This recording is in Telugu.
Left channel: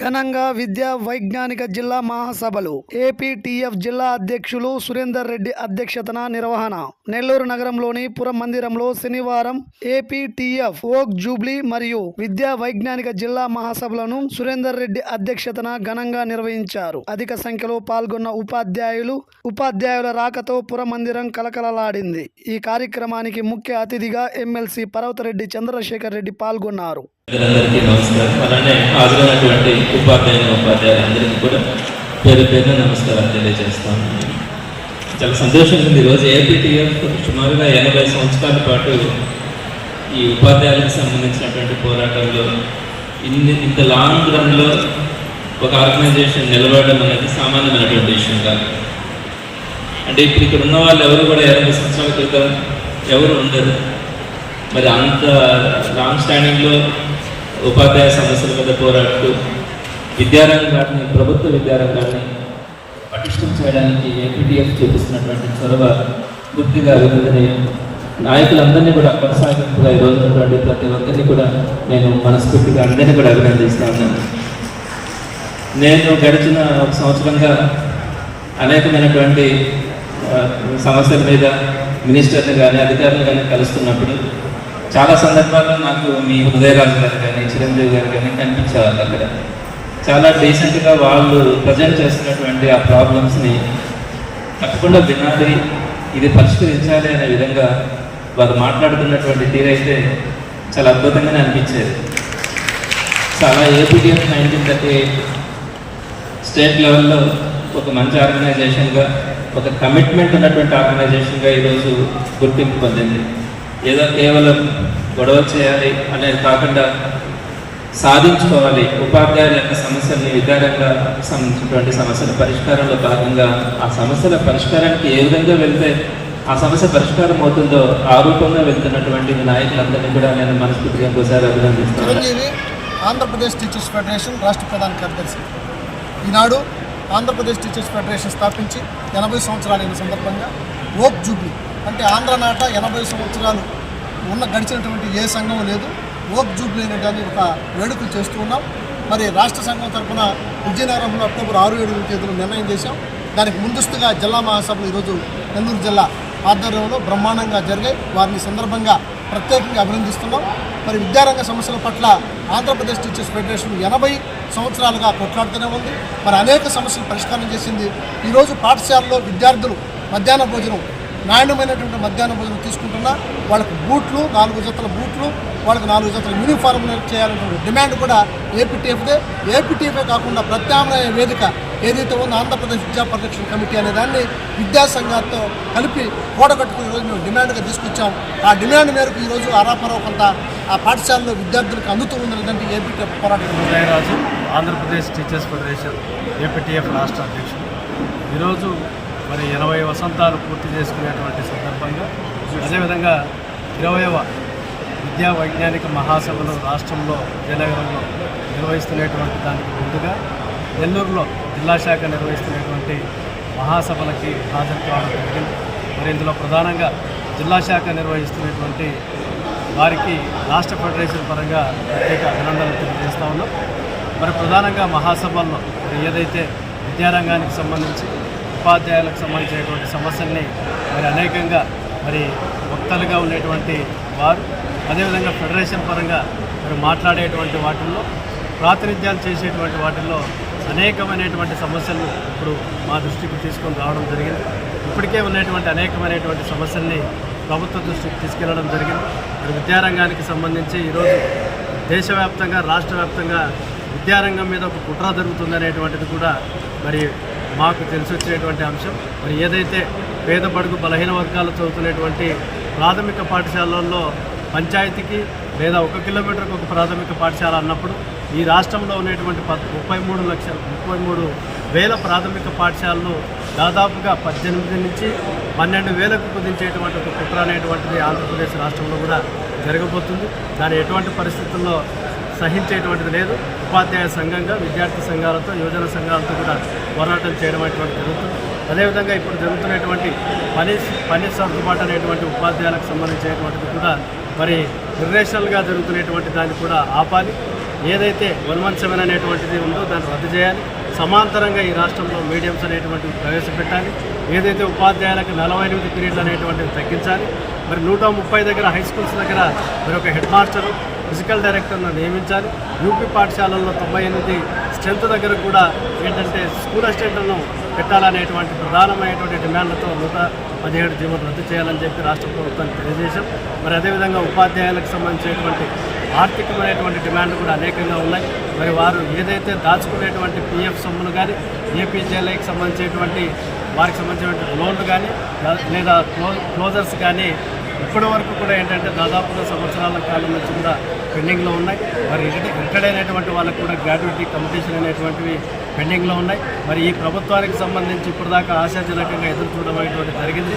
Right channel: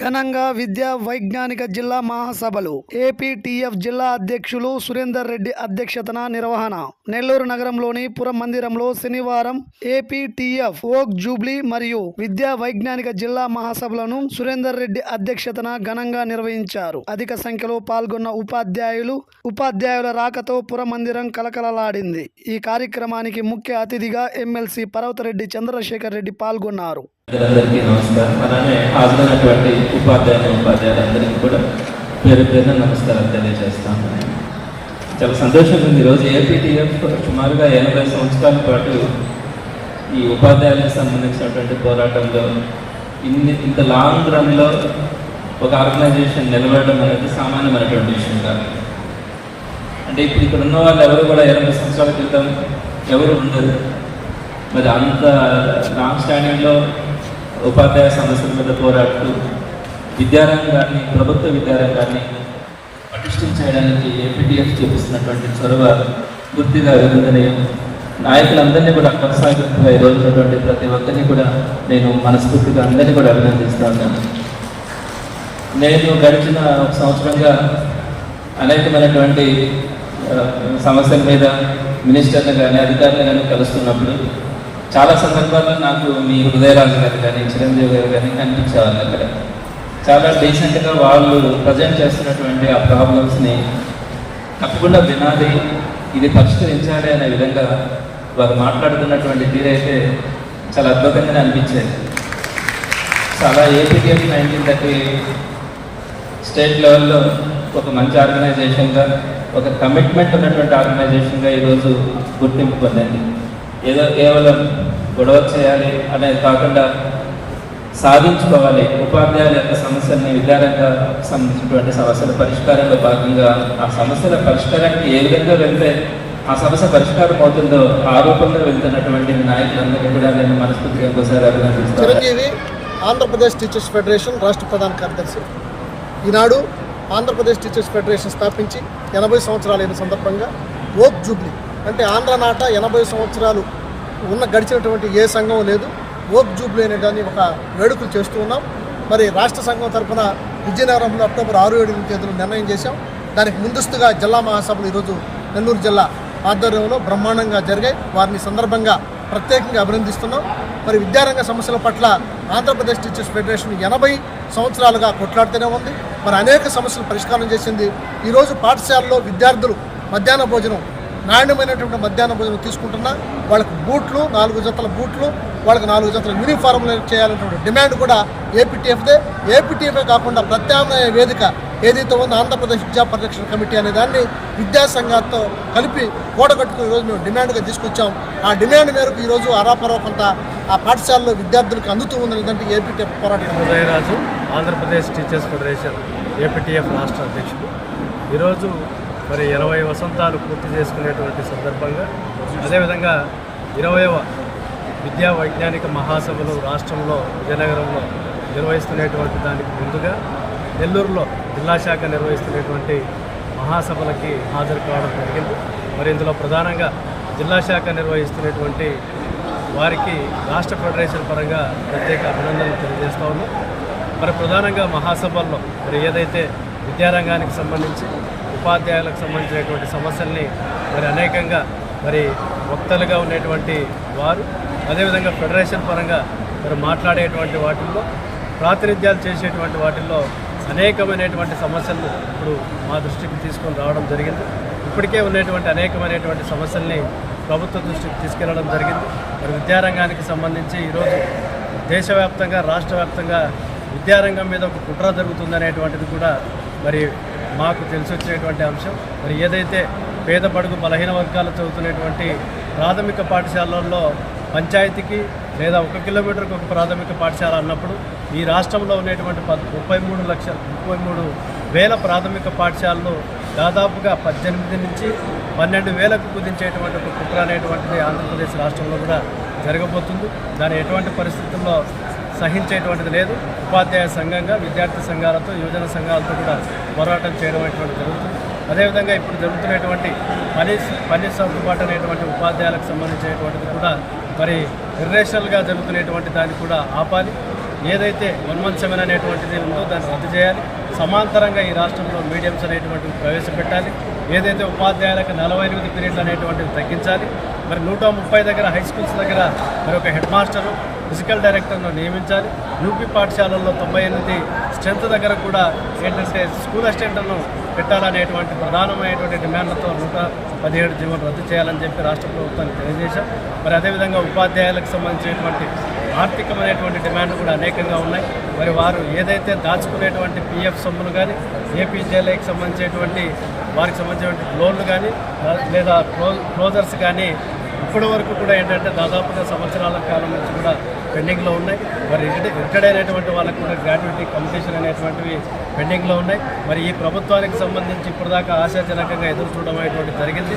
ఘనంగా విద్యా వైజ్ఞానిక జిల్లా మహాసభలు ఏపీటీఎఫ్ జిల్లా అధ్యక్షులు సురేందర్ రెడ్డి అధ్యక్షతన నిర్వహణ. నెల్లూరు నగరంలోని పురం మందిరంలో శనివారం ఏపీటీఎఫ్ ఓక్ జూబ్లీ మరియు విద్యా వైజ్ఞానిక జిల్లా మహాసభలను సురేందర్ రెడ్డి అధ్యక్షతన ఘనంగా నిర్వహించారు. అధిక సంఖ్యలో పాల్గొన్న ఉపాధ్యాయులు ఉపాధ్యాయుల రాకతో పురం మందిరం కలకలలాడింది. ఈ కార్యక్రమానికి ముఖ్య అతిథిగా ఎమ్మెల్సీ పర్వతరెడ్డి చంద్రశేఖర్ రెడ్డి పాల్గొన్నారు. అందరికీ నమస్కారం. అలానే హాజరైనటువంటి ఉపాధ్యాయుల ఉపాధ్యాయులందరికీ కూడా పేరు పేరున నమస్కారం తెలియజేస్తాను. చాలా సంతోషంగా ఉంది. ఈరోజు ఏపీటీఎఫ్ సుమారుగా ఎనభై సంవత్సరాల పాటు ఈ ఉపాధ్యాయులకు సంబంధించినటువంటి పోరాటంలో ఇన్ని ఇంత లాంగ్ రన్లో ఒక ఆర్గనైజేషన్ నిలబడడం అనేది సామాన్యమైనటువంటి విషయం కాదు. అంటే ఇప్పుడు ఇక్కడ ఉన్న వాళ్ళు ఎవరు కూడా ఎనభై సంవత్సరాల క్రితం ఎవరు ఉండరు. మరి అంత లాంగ్ స్టాండింగ్లో ఉపాధ్యాయ సమస్యల మీద పోరాడుతూ విద్యారంగాన్ని ప్రభుత్వ విద్యారంగాన్ని పటిష్టం చేయడానికి ఎంపీటీఎఫ్ చూపిస్తున్నటువంటి చొరవ గుర్తిగా వెలుగుదని నాయకులందరినీ కూడా కొనసాగింపుగా ఈరోజు ప్రతి ఒక్కరిని కూడా నేను మనస్ఫూర్తిగా అందరినీ కూడా అభినందిస్తా ఉన్నాను. నేను గడిచిన ఒక సంవత్సరంగా అనేకమైనటువంటి సమస్యల మీద మినిస్టర్ని కానీ అధికారులు కానీ కలుస్తున్నప్పుడు చాలా సందర్భాల్లో నాకు మీ ఉదయరాజు గారు కానీ చిరంజీవి గారు కానీ కనిపించేవాళ్ళు అక్కడ. చాలా డీసెంట్గా వాళ్ళు ప్రజెంట్ చేస్తున్నటువంటి ఆ ప్రాబ్లమ్స్ని తప్పకుండా వినాలి ఇది పరిష్కరించాలి అనే విధంగా వారు మాట్లాడుతున్నటువంటి తీరైతే చాలా అద్భుతంగానే అనిపించేది. చాలా ఏపీటీఎఫ్ నైన్టీన్ థర్టీ స్టేట్ లెవెల్లో ఒక మంచి ఆర్గనైజేషన్గా ఒక కమిట్మెంట్ ఉన్నటువంటి ఆర్గనైజేషన్గా ఈరోజు గుర్తింపు పొందింది. ఏదో కేవలం గొడవ చేయాలి అనేది కాకుండా సాధించుకోవాలి. ఉపాధ్యాయుల యొక్క సమస్యల్ని విధానంగా సంబంధించినటువంటి సమస్యల పరిష్కారంలో భాగంగా ఆ సమస్యల పరిష్కారానికి ఏ విధంగా వెళ్తే ఆ సమస్య పరిష్కారం అవుతుందో ఆ రూపంగా వెళ్తున్నటువంటి నాయకులందరినీ కూడా నేను మనస్ఫూర్తిగా ఇంకోసారి అభినందిస్తాను. చిరంజీవి ఆంధ్రప్రదేశ్ టీచర్స్ ఫెడరేషన్ రాష్ట్ర ప్రధాన కార్యదర్శి. ఈనాడు ఆంధ్రప్రదేశ్ టీచర్స్ ఫెడరేషన్ స్థాపించి ఎనభై సంవత్సరాలైన సందర్భంగా ఓక్ జూబ్లీ అంటే ఆంధ్ర నాట ఎనభై సంవత్సరాలు ఉన్న గడిచినటువంటి ఏ సంఘం లేదు. ఓక్ జూబ్లీ అనే దాన్ని ఒక వేడుకలు చేస్తూ ఉన్నాం. మరి రాష్ట్ర సంఘం తరఫున విజయనగరంలో అక్టోబర్ ఆరు ఏడు తేదీలో నిర్ణయం చేశాం. దానికి ముందస్తుగా జిల్లా మహాసభలు ఈరోజు నెల్లూరు జిల్లా ఆధ్వర్యంలో బ్రహ్మాండంగా జరిగాయి. వారిని సందర్భంగా ప్రత్యేకంగా అభినందిస్తున్నాం. మరి విద్యారంగ సమస్యల పట్ల ఆంధ్రప్రదేశ్ టీచర్స్ ఫెడరేషన్ ఎనభై సంవత్సరాలుగా కొట్లాడుతూనే ఉంది. మరి అనేక సమస్యలు పరిష్కారం చేసింది. ఈరోజు పాఠశాలలో విద్యార్థులు మధ్యాహ్న భోజనం నాణ్యమైనటువంటి మధ్యాహ్న భోజనం తీసుకుంటున్నా వాళ్ళకు బూట్లు నాలుగు జతల బూట్లు వాళ్ళకి నాలుగు జతల యూనిఫామ్లు చేయాలనేటువంటి డిమాండ్ కూడా ఏపీటీఎఫ్దే. ఏపీటీఎఫే కాకుండా ప్రత్యామ్నాయ వేదిక ఏదైతే ఉందో ఆంధ్రప్రదేశ్ విద్యా పరిరక్షణ కమిటీ అనే దాన్ని విద్యా సంఘాలతో కలిపి కూడగట్టుకు ఈరోజు మేము డిమాండ్గా తీసుకొచ్చాం. ఆ డిమాండ్ మేరకు ఈరోజు అరాపరో కొంత ఆ పాఠశాలలో విద్యార్థులకు అందుతూ ఉందంటే ఏపీటీఎఫ్ పోరాటం. Udayaraju Andhra Pradesh teachers federation APTF రాష్ట్ర అధ్యక్షుడు. ఈరోజు మరి ఎనభై వసంతాలు పూర్తి చేసుకునేటువంటి సందర్భంగా అదేవిధంగా ఇరవయవ విద్యా వైజ్ఞానిక మహాసభలు రాష్ట్రంలో విజయనగరంలో నిర్వహిస్తున్నటువంటి దానికి ముందుగా నెల్లూరులో జిల్లా శాఖ నిర్వహిస్తున్నటువంటి మహాసభలకి హాజరు కావడం జరిగింది. మరి ఇందులో ప్రధానంగా జిల్లా శాఖ నిర్వహిస్తున్నటువంటి వారికి రాష్ట్ర ఫెడరేషన్ పరంగా ప్రత్యేక అభినందనలు తెలియజేస్తా ఉన్నాం. మరి ప్రధానంగా మహాసభల్లో మరి ఏదైతే విద్యారంగానికి సంబంధించి ఉపాధ్యాయులకు సంబంధించినటువంటి సమస్యల్ని మరి అనేకంగా మరి వక్తలుగా ఉండేటువంటి వారు అదేవిధంగా ఫెడరేషన్ పరంగా మరి మాట్లాడేటువంటి వాటిల్లో ప్రాతినిధ్యాలు చేసేటువంటి వాటిల్లో అనేకమైనటువంటి సమస్యలను ఇప్పుడు మా దృష్టికి తీసుకొని రావడం జరిగింది. ఇప్పటికే ఉన్నటువంటి అనేకమైనటువంటి సమస్యల్ని ప్రభుత్వ దృష్టికి తీసుకెళ్ళడం జరిగింది. మరి విద్యారంగానికి సంబంధించి ఈరోజు దేశవ్యాప్తంగా రాష్ట్ర వ్యాప్తంగా విద్యారంగం మీద ఒక కుట్ర జరుగుతుందనేటువంటిది కూడా మరి మాకు తెలిసి వచ్చినటువంటి అంశం. మరి ఏదైతే పేద బడుగు బలహీన వర్గాలు చదువుతున్నటువంటి ప్రాథమిక పాఠశాలల్లో పంచాయతీకి లేదా ఒక కిలోమీటర్కి ఒక ప్రాథమిక పాఠశాల అన్నప్పుడు ఈ రాష్ట్రంలో ఉన్నటువంటి పద్ ముప్పై మూడు లక్షల ముప్పై మూడు వేల ప్రాథమిక పాఠశాలలు దాదాపుగా పద్దెనిమిది నుంచి పన్నెండు వేలకు కుదించేటువంటి ఒక కుట్ర అనేటువంటిది ఆంధ్రప్రదేశ్ రాష్ట్రంలో కూడా జరగబోతుంది. దాని ఎటువంటి పరిస్థితుల్లో సహించేటువంటిది లేదు. ఉపాధ్యాయ సంఘంగా విద్యార్థి సంఘాలతో యువజన సంఘాలతో కూడా పోరాటం చేయడం అనేటువంటి జరుగుతుంది. అదేవిధంగా ఇప్పుడు జరుగుతున్నటువంటి పని పని సర్దుబాటు అనేటువంటి ఉపాధ్యాయులకు సంబంధించినటువంటిది కూడా మరి నిర్నేషనల్గా జరుగుతున్నటువంటి దాన్ని కూడా ఆపాలి. ఏదైతే వన్వంశమైన అనేటువంటిది ఉందో దాన్ని రద్దు చేయాలి. సమాంతరంగా ఈ రాష్ట్రంలో మీడియంస్ అనేటువంటివి ప్రవేశపెట్టాలి. ఏదైతే ఉపాధ్యాయులకు నలభై ఎనిమిది పీరియడ్లు అనేటువంటివి తగ్గించాలి. మరి నూట ముప్పై దగ్గర హై స్కూల్స్ దగ్గర మరి ఒక హెడ్ మాస్టరు ఫిజికల్ డైరెక్టర్ను నియమించాలి. యూపీ పాఠశాలల్లో తొంభై ఎనిమిది స్ట్రెంత్ దగ్గర కూడా ఏంటంటే స్కూల్ అసిస్టెంట్లను పెట్టాలనేటువంటి ప్రధానమైనటువంటి డిమాండ్లతో నూట పదిహేడు జీవన రద్దు చేయాలని చెప్పి రాష్ట్ర ప్రభుత్వానికి తెలియజేశాం. మరి అదేవిధంగా ఉపాధ్యాయులకు సంబంధించినటువంటి ఆర్థికమైనటువంటి డిమాండ్లు కూడా అనేకంగా ఉన్నాయి. మరి వారు ఏదైతే దాచుకునేటువంటి పిఎఫ్ సొమ్ములు కానీ ఏపీజేఎల్ఐకి సంబంధించినటువంటి వారికి సంబంధించినటువంటి లోన్లు కానీ లేదా క్లో క్లోజర్స్ కానీ ఇప్పటి వరకు కూడా ఏంటంటే దాదాపుగా సంవత్సరాల కాలం నుంచి కూడా పెండింగ్లో ఉన్నాయి. మరి రిటైర్ రిటైర్డ్ అయినటువంటి వాళ్ళకు కూడా గ్రాడ్యుయేటీ కంపిటీషన్ అనేటువంటివి పెండింగ్లో ఉన్నాయి. మరి ఈ ప్రభుత్వానికి సంబంధించి ఇప్పటిదాకా ఆశాజనకంగా ఎదురు చూడడం అనేటువంటి జరిగింది.